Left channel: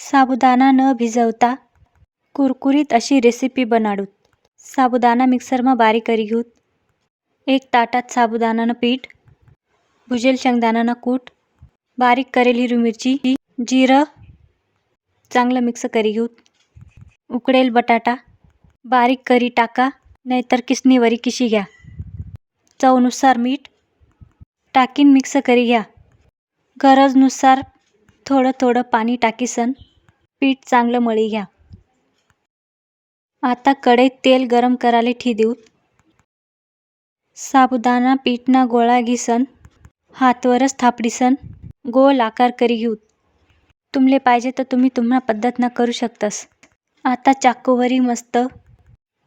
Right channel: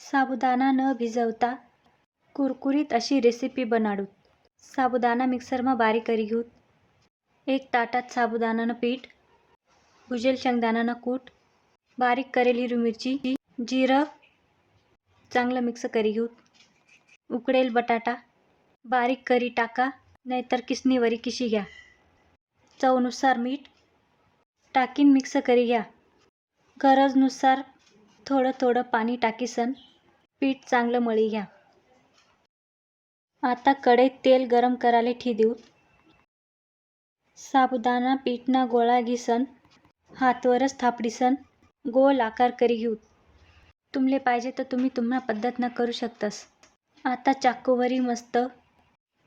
साबुदाणा न भिजवता कुरकुरीत अशी रेसिपी बनाडूत. साबुदाणा मिक्सरमा बारीक करी घेऊत. एक ताटात साबुदाणानं पीठ, भुजेल शेंगदाणानं कूट, बारीक करेल हिरवी मिरची, जिरं चांगलं मिक्स करी घेऊत. उकडेल बटाटा बारीक करी टाका, नाहीतर किसणीवरी किशी घ्या. चवनुसार मीठ टाकीन मिक्स करी घ्या. गरजनुसार थोडं थोडं पाणी टाकीसन पीठ चांगलं मळी घ्या. आता कढईत तेल गरम कराले ठी देऊत. साबुदाणा पीठना गोळा घिसन हातवरच थापडीसन गोल आकार करी घेऊत. तुमले पाहिजे तर तुम्ही तुम्हा पद्धतना करू शकतस. आता चाकूवरी मस्त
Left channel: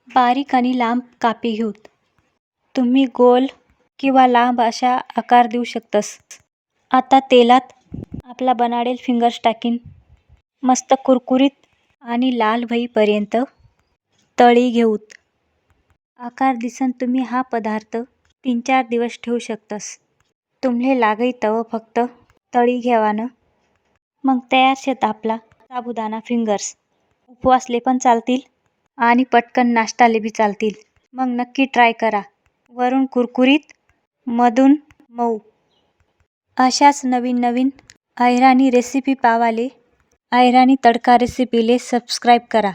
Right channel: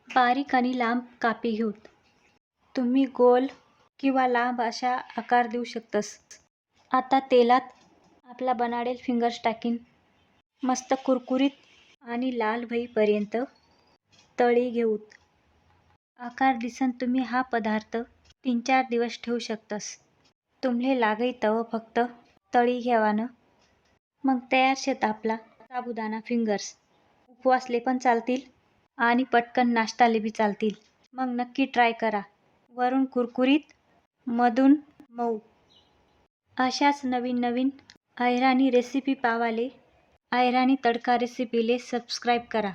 बारीक आणि लांब कापी घेऊत. तुम्ही गोल किंवा लांब अशा आकार देऊ शकतस. आता तेलात आपला बनाडेल फिंगर्स टाकीन मस्त कुरकुरीत आणि लाल होईपर्यंत तळी घेऊत. आकार दिसन तुम्ही हा पदार्थ 3-4 दिवस ठेवू शकतस. तुम्हले लागई तवं फक्त तळी घेवानं. मग तयार शेत आपला साबुदाणा फिंगर्स. उपवासले पण चालतील आणि पटकन नाश्ताले बी चालतील. मग नक्की ट्राय करा. वरून कुरकुरीत, मधून मऊ अशाच नवीन नवीन अहिराणी रेसिपी पावाले अहिराणी तडका रेसिपीले सबस्क्राईब करा.